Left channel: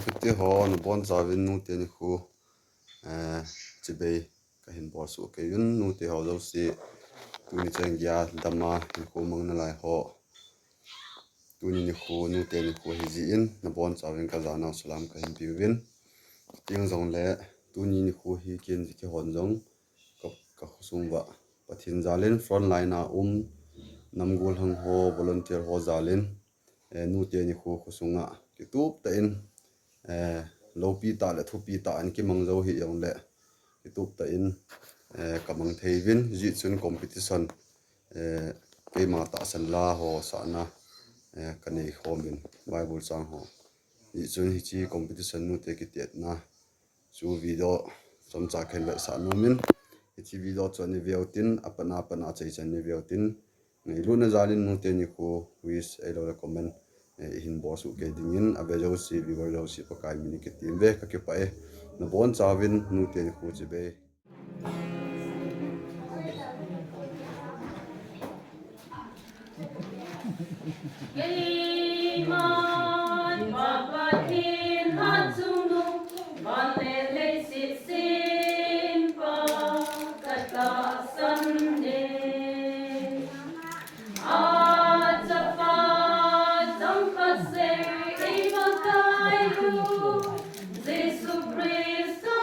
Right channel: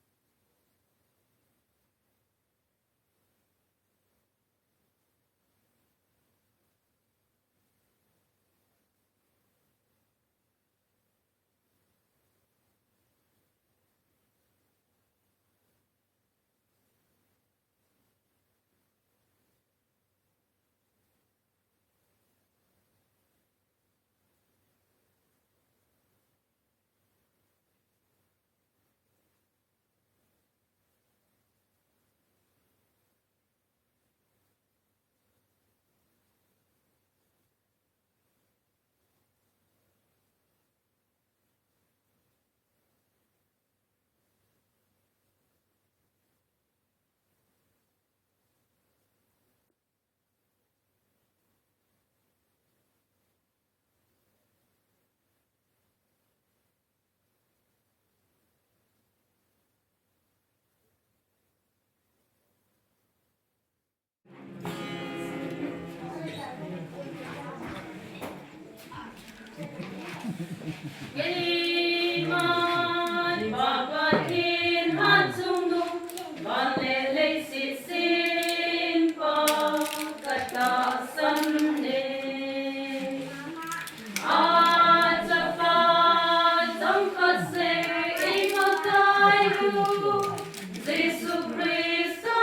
fitti ho no bon zawin nu te ni khu chibei ka hin bor su ke yun nu te ho lo si tu ni chang ya dama hin khu mang na lai ho tu ni khu nu te ni khu hi ji in na bon zawin ka zana salam ka hin biwin ting zong le tu ni khu hi kin ji ke hon zong ka khusung wa pathin zalin front line a namgul hang ho volunteer ho zalin nu te ni khu khusunga ki tup ta in lo pi ta le thu pi ta an ki mang zo hi yong le ki tup ta in kamang theivin ji chun competition ke ma ta san la ho sa na kanei khomin bible chang ho ji chun hi chi competition nu te ki tet na chu video som cha khen le sa nomin hi chi video chon ni veutin apana chei chan ni veutin nei lu na zalin nu te ni khu wish ai lo recommend hin bo su ke dingin abejo si viewer lo si pakai mini ke tim ve ka ke pae na bon chawin nu te ni khu chi be Geliman papatin hansung du balele si simpa kata sande Atapa zongkase imakai du Jesu Christus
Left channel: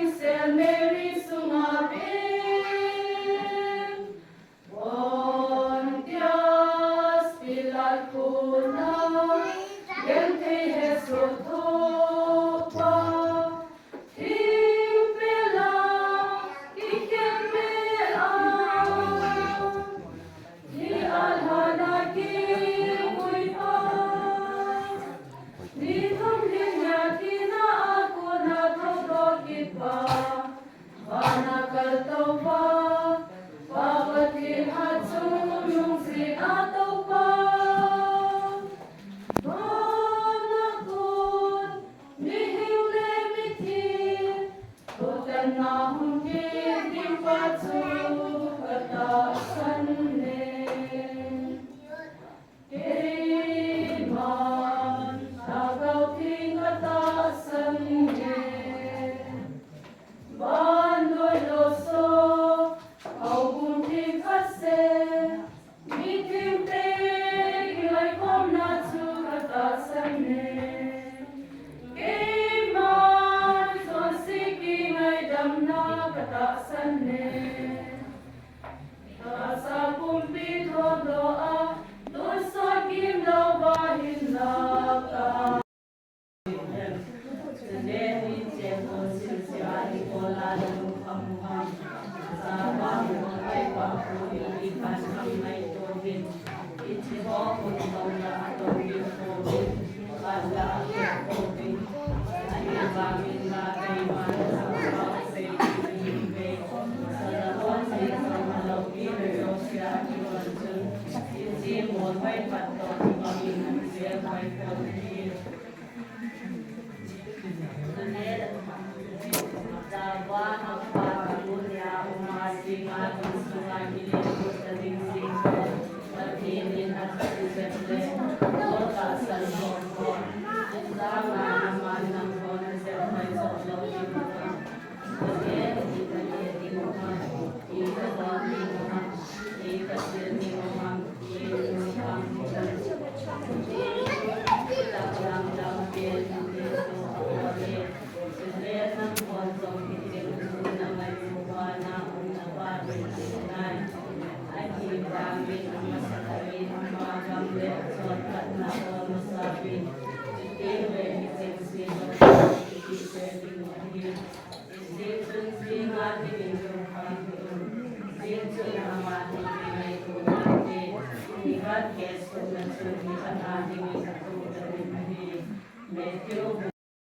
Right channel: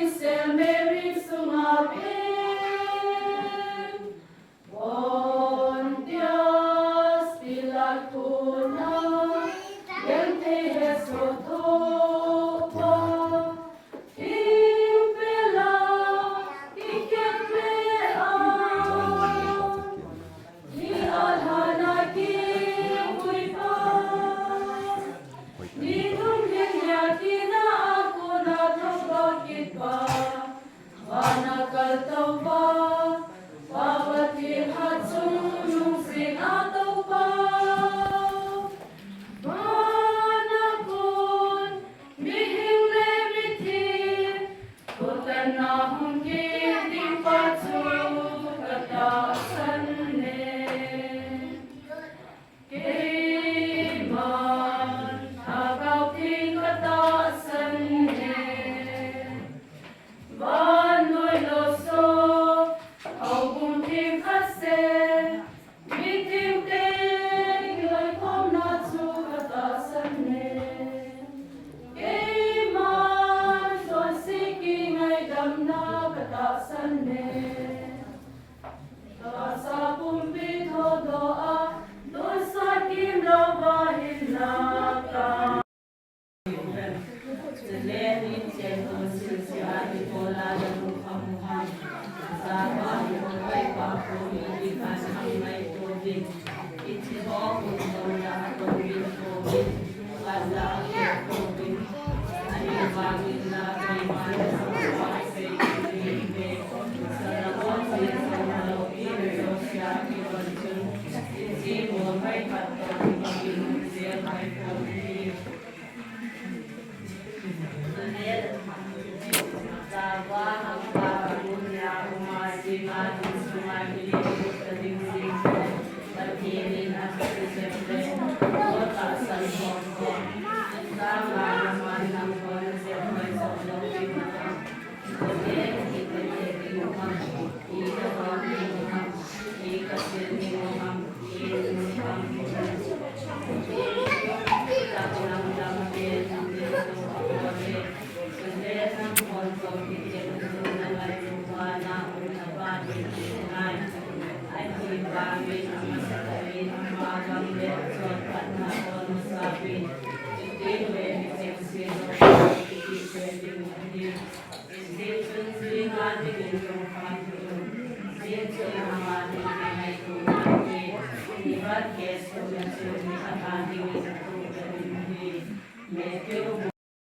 Hail Mary, sumapit. Pontius Pilat kuna, yente Jesu topa. Himpela, ikemean, ni alhanaki kuipa. Ni tumlinya kina aku na togokit pa. Manakal taupa, pawati hatsunung sring ataw pa. Manakon, mihing lemitin, tutan na hungkit di patsu katasan ne. Kaiman, agaw ting katasan ne. Bandoy loso, au bunting kase, mitim ting, ilay kom na tsukatasan ne. Kaiman, sonsiki ngay dam na katasan ne. Sa kumpit ho doa, doon sa kimlaw bahin na ka. Medyo